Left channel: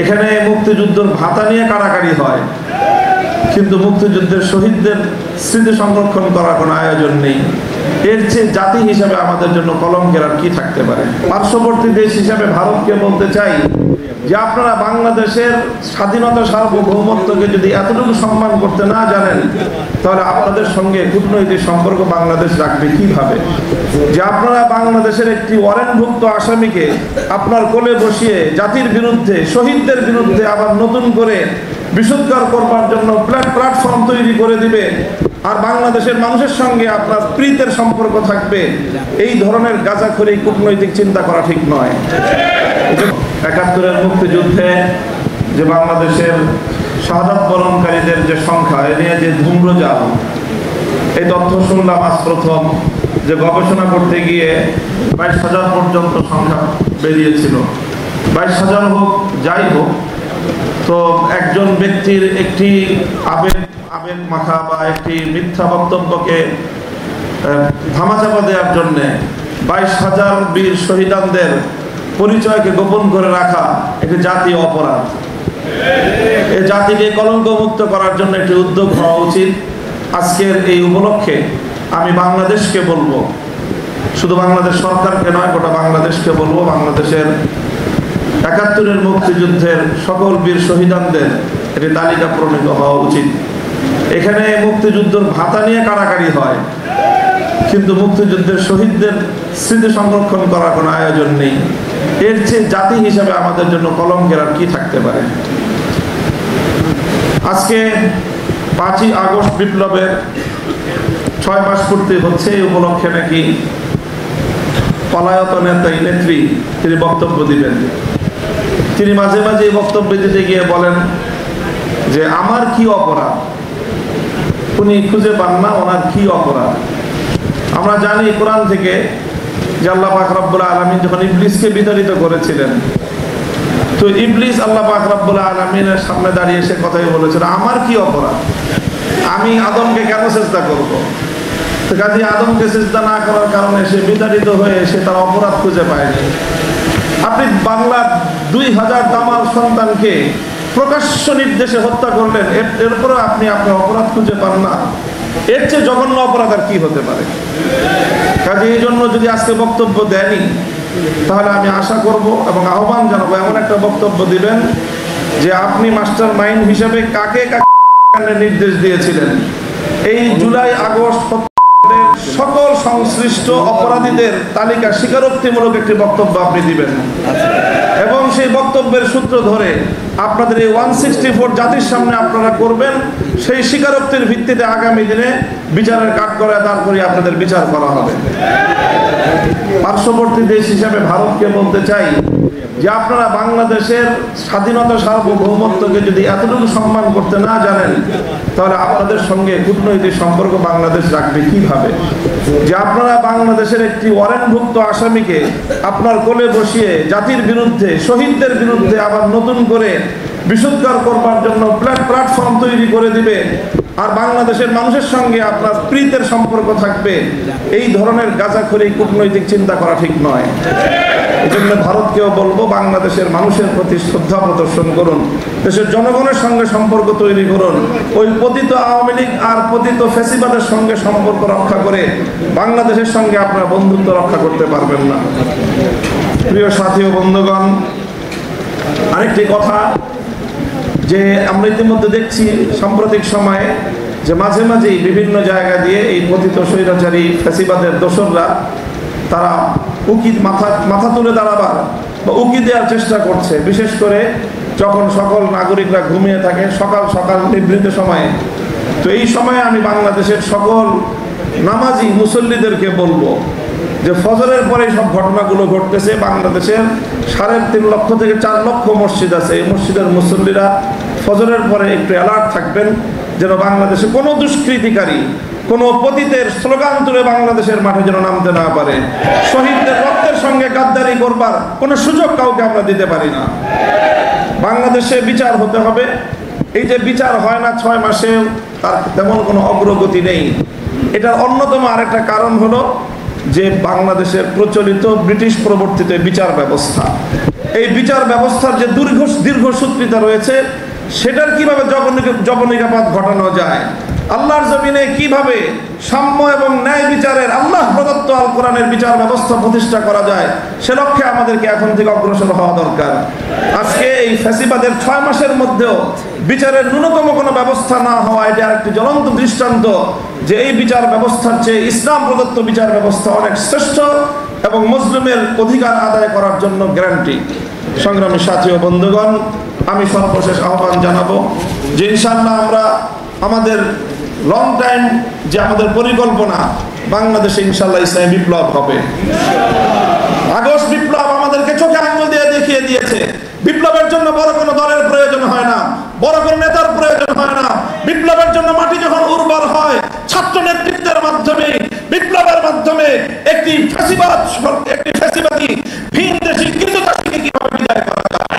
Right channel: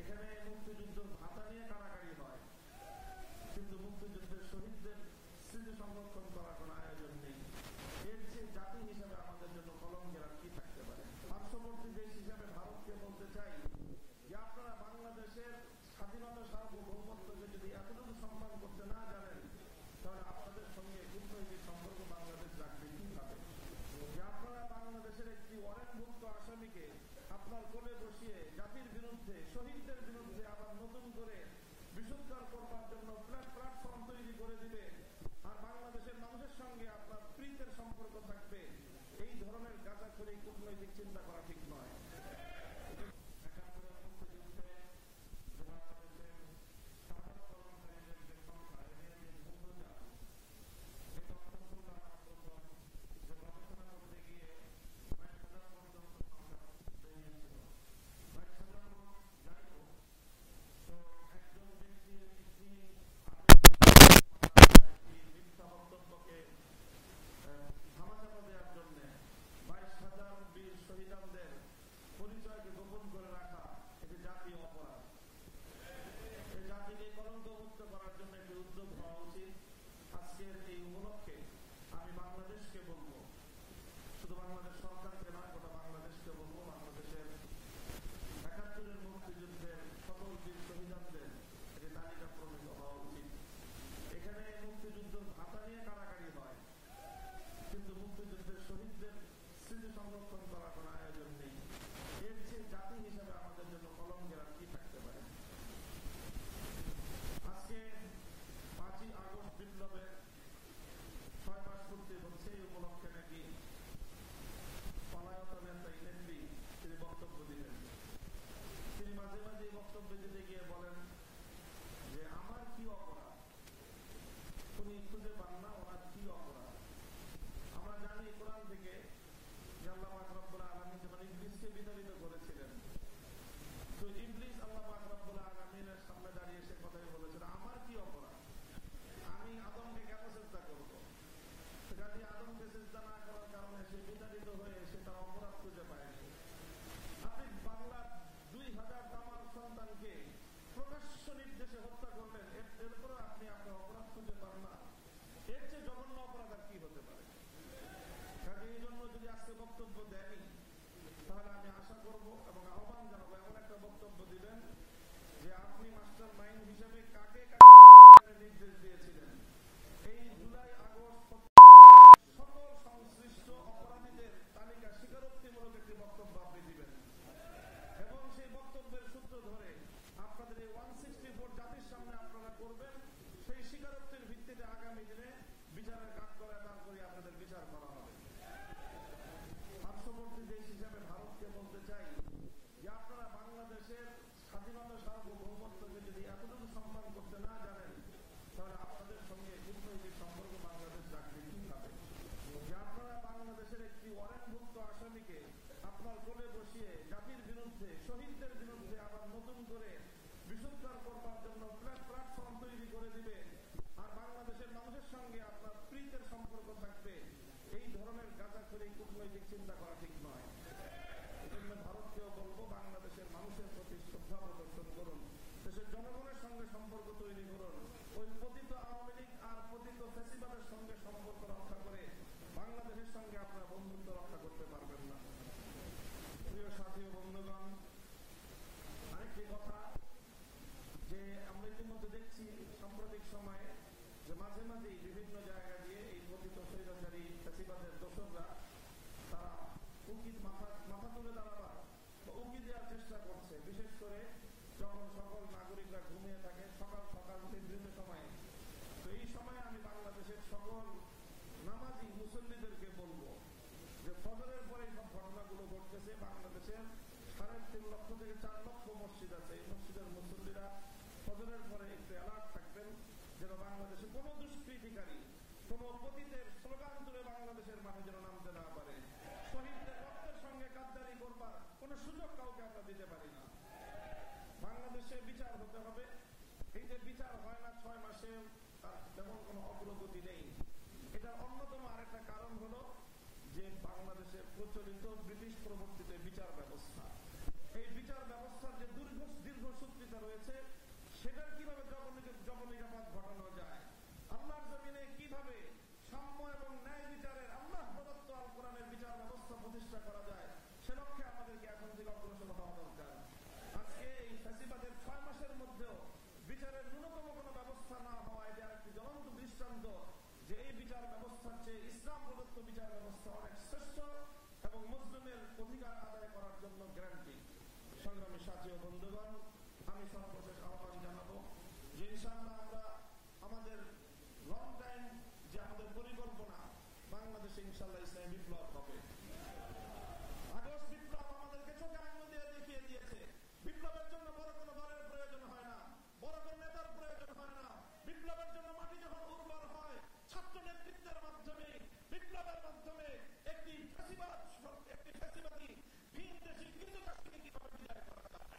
এখানে মুক্তিযুদ্ধের ভাতা নিয়ে কাড়াকাড়ি হয়, কিন্তু মুক্তিযুদ্ধের শহীদদের স্মৃতি সংরক্ষণ করার কোনো আয়োজন নেই। এর চেয়ে জাতি হিসাবে আমাদের জন্য কলঙ্কের আর কি থাকতে পারে? পার্শ্ববর্তী দেশ হিসাবে ভারতকে বলতে চাই যে আপনারা বাংলাদেশের স্বাধীনতা সার্বভৌমত্বকে যদি এতটুকু সম্মান করতে না জানেন, তাহলে আপনাদের সঙ্গে কূটনৈতিক সম্পর্ক বাংলাদেশ রাখবে কিভাবে? যে আপনারা বাংলাদেশের একটি ওয়ারেন্টভুক্ত আসামিকে আপনার কোলে বসিয়ে জাতির বিরুদ্ধে, শহীদদের বিরুদ্ধে আবার নতুন করে বিশুদ্ধকার করবার জন্য প্ল্যাটফর্ম তৈরি করে দিবে, আর বাংলাদেশের মানুষের সঙ্গে আপনার প্রীতের সম্পর্ক থাকবে, এই ধরনের গাঁজাখড়ি কূটনৈতিক চিন্তা করা ঠিক নয়। ৭১-এর মুক্তিযুদ্ধে যে বাংলাদেশের শাহাদাত বরণকারীদের যে সংখ্যা, এ নিয়ে যে ধূম্রজাল, এই তথ্য শুনলাম আজ প্রথম, যে গবেষণা করতে গিয়ে ২২,০০০ পর্যন্ত সংখ্যা বেরিয়েছিল। ২২,০০০ হোক, যাই হোক, তো একজন ব্যক্তির একটি আবেগ মাখা বা একটি মিথ্যা বক্তব্যকে ধামাচাপা দেওয়ার জন্যে ২২,০০০ বীর শহীদানদের পরিচয়কে গোপন করে রাখা একটি জাতীয় অপরাধ। এই জাতিকে কলঙ্কমুক্ত করার জন্য একটি উদ্যোগ হওয়া উচিত। আজকের এই উপলক্ষে আমি বাংলাদেশকে বলবো, শুধু বাংলাদেশ সরকারকে নয়, গোটা বাংলাদেশকে বলবো, বাংলাদেশের ৭১-এর মুক্তিযুদ্ধের সকল বীর শহীদানদের একটি তালিকা প্রণীত হওয়া উচিত। এখানে মুক্তিযুদ্ধের ভাতা নিয়ে কাড়াকাড়ি হয়, কিন্তু মুক্তিযুদ্ধের শহীদদের স্মৃতি সংরক্ষণ করার কোনো আয়োজন নেই। এর চেয়ে জাতি হিসাবে আমাদের জন্য কলঙ্কের আর কি থাকতে পারে? আজকে ৫ই আগস্ট বিপ্লবের ৬ মাস পূর্তি হচ্ছে। এই উপলক্ষে নাকি পলায়ত নেত্রী তিনি বক্তব্য দিবেন। তিনি মাঝে মাঝে বক্তব্য দিতে গিয়ে বলেন যে আমার কি অপরাধ, উনি খুঁজে পান না ওনার কি অপরাধ। আমরা জানি কোরআন থেকে যে আল্লাহ পাক রব্বুল আলামিন যখন ইবলিসকে বিতাড়িত করেছিলেন, তো ইবলিস আল্লাহ পাক রব্বুল আলামিনের সামনে দাঁড়িয়ে সে কথাই বলেছিল, আমার কি অপরাধ, আমি আদমকে কেন সিজদা করব? তো কাজে আদমকে সিজদা না করার কারণে সে বিতাড়িত হয়ে সে তার অপরাধ খুঁজে পায়নি। আপনি বাংলার ২০০০ দামাল সন্তানকে প্রকাশ্য নির্দেশে হত্যা করলেন, এরপরে আপনি আপনার অপরাধ খুঁজে পান না। এর চেয়ে জঘন্য অপরাধ আর কি হতে পারে? কাজে এই জন্য যদি আজকে বক্তব্য দেয়নি, তাহলে আমি আশা করব এবং আহ্বান জানাবো এমন একটা বক্তব্য দিবেন যে আপনি মাস্টার মাইন্ড হিসেবে কাকে কাকে নির্দেশ দিয়েছিলেন। এই জুলাই আগস্ট সকল সংশ্লিষ্ট অপরাধীদের তালিকা স্বীকারোক্তিমূলক একটি বক্তব্য আপনি দিবেন, এবং সেই বক্তব্যের সূত্র ধরে আপনাদের এই 164 জাতির সামনে আপনারা করবেন। সেই স্বীকারোক্তির ভিত্তিতে আগামী দিনে বিচারের কাঠগড়ায় দাঁড় করিয়ে আপনাদের বিচার করা হবে। পার্শ্ববর্তী দেশ হিসাবে ভারতকে বলতে চাই যে আপনারা বাংলাদেশের স্বাধীনতা সার্বভৌমত্বকে যদি এতটুকু সম্মান করতে না জানেন, তাহলে আপনাদের সঙ্গে কূটনৈতিক সম্পর্ক বাংলাদেশ রাখবে কিভাবে? যে আপনারা বাংলাদেশের একটি ওয়ারেন্টভুক্ত আসামিকে আপনার কোলে বসিয়ে জাতির বিরুদ্ধে, শহীদদের বিরুদ্ধে আবার নতুন করে বিশুদ্ধকার করবার জন্য প্ল্যাটফর্ম তৈরি করে দিবে, আর বাংলাদেশের মানুষের সঙ্গে আপনার প্রীতের সম্পর্ক থাকবে, এই ধরনের গাঁজাখড়ি কূটনৈতিক চিন্তা করা ঠিক নয়। এই জন্য ভারতকেও বলবো, বাংলাদেশের মানুষের প্রতি শ্রদ্ধা প্রদর্শন করুন, দেশের জনগণের সঙ্গে সম্পর্ক তৈরি করুন। ওই পতিত আওয়ামী লীগ আর পতিত ফ্যাসিবাদের সঙ্গে সম্পর্ক রক্ষা করে বাংলাদেশের সঙ্গে আপনারা বন্ধুত্ব রক্ষা করতে পারবেন না। প্রিয় সাথী ও বন্ধুগণ, আরেকটি কথা যে আমরা ইতিমধ্যে দেখছি সাম্প্রতিক সময়ে যে মাঝে মাঝেই বিভিন্ন জায়গা দিয়ে এই পতিত স্বৈরাচারী ফ্যাসিবাদের দোসররা তারা মাথা তুলে দাঁড়াবার বা উকি দেওয়ার চেষ্টা করছে, বিশেষ করে যখন সকল নাগরিকরা ঘুমিয়ে থাকে সকাল সকাল নিভৃত সময়ে। তো এই সময়ে আমি বাংলাদেশের সকল নামাজি মুসল্লিদেরকে বলবো যে ফজরের পরে সব ঘটনাগুলো ঘটতেছে। বাংলাদেশের 3.5 লক্ষ থেকে 4 লক্ষ মসজিদ আছে। এই মসজিদের মুসল্লিরা ফজরের পরে একটু অ্যালার্ট থাকবেন, যেন বাংলাদেশে কোনো দুষ্কৃতিকারী, কোনো পতিতের স্লোগান তুলে বাংলাদেশের মাঠে যেন নামতে না পারে। শহীদদের রক্তের সঙ্গে গাদ্দারি করবার কোনো সুযোগ কাউকে আমরা দিতে পারি না। বাংলাদেশে বিচার হতে হবে। এই যে বিচার হয় না 6 মাসে, তার তেমন কোনো অগ্রগতি নেই। এটার অন্যতম আরেকটা কারণ হলো যে বাংলাদেশের প্রচলিত ব্রিটিশ প্রবর্তিত বিচার ব্যবস্থা। এই বিচার ব্যবস্থার যে দীর্ঘসূত্রিতা রয়েছে সেটার কিভাবে জবনিকাপাত ঘটানো যায়, আল্লাহর জমিনে কিভাবে সাম্য এবং ন্যায় বিচারের আল্লাহ প্রদত্ত আল কোরআনের বিচার ব্যবস্থা প্রতিষ্ঠা করা যায়, সে লক্ষ্যে আমাদেরকে এখন থেকে অগ্রসর হওয়া দরকার। আজকে এই ফ্যাসিবাদের 6 মাসের মধ্যেও বিচারের ন্যূনতম কোনো ব্যবস্থা না হওয়া, এটা আরেকটি জ্বলন্ত দৃষ্টান্ত যে এই বিচার ব্যবস্থার চেয়ে ইসলাম প্রদত্ত বিচার ব্যবস্থা অনেক শ্রেষ্ঠ এবং মুসলিমের অধিকার আদায় করার জন্য গ্যারান্টি। সংগ্রামী সাথী ও বন্ধুগণ, আমি সর্বশেষ আহ্বান জানাবো যে ইনশাআল্লাহ আমরা আমাদের লং টাইম যে আমাদের পরিকল্পনা, বাংলাদেশে ইনশাআল্লাহ ইসলামী বিপ্লব হবে। আগস্ট বিপ্লব আমাদেরকে চোখে আঙুল দিয়ে দেখিয়ে দিয়েছে বিপ্লবের জন্য বড় কোনো দলের প্রয়োজন হয় না, বড় কোনো নেতার প্রয়োজন হয় না। বিপ্লবের জন্য মাটি যখন উর্বর হয়, ছাত্র নেতৃত্বের মাধ্যমে, বিপ্লবের মাধ্যমে একটি ফ্যাসিবাদী ভিনদেশী কৃতদাসীকে কিভাবে বিদায় করা যায়।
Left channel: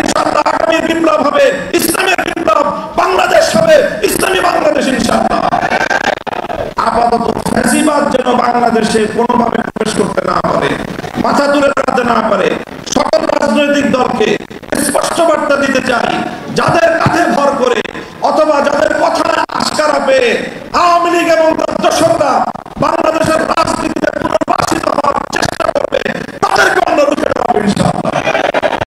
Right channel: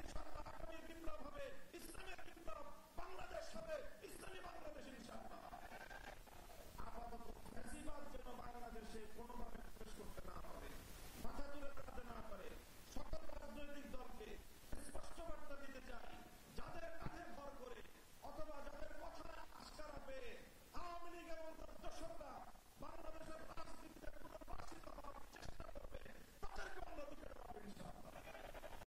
ইনশাআল্লাহ আগামী বিপ্লব হবে ইসলামের বিপ্লব, বাংলাদেশ হবে ইসলামী বাংলাদেশ ইনশাআল্লাহ। আপাতত ফ্যাসিবাদ যেন বাংলাদেশে কোনোভাবে প্রবেশ করতে না পারে, মাথা তুলে দাঁড়াতে না পারে। সকল রাজনৈতিক দলকে স্পষ্ট বার্তা দিতে চাই, যাদের কাঁধে ভর করে অথবা যাদের কথা আশকারা পেয়ে আওয়ামী লীগ এবং তার দোসররা বাংলাদেশ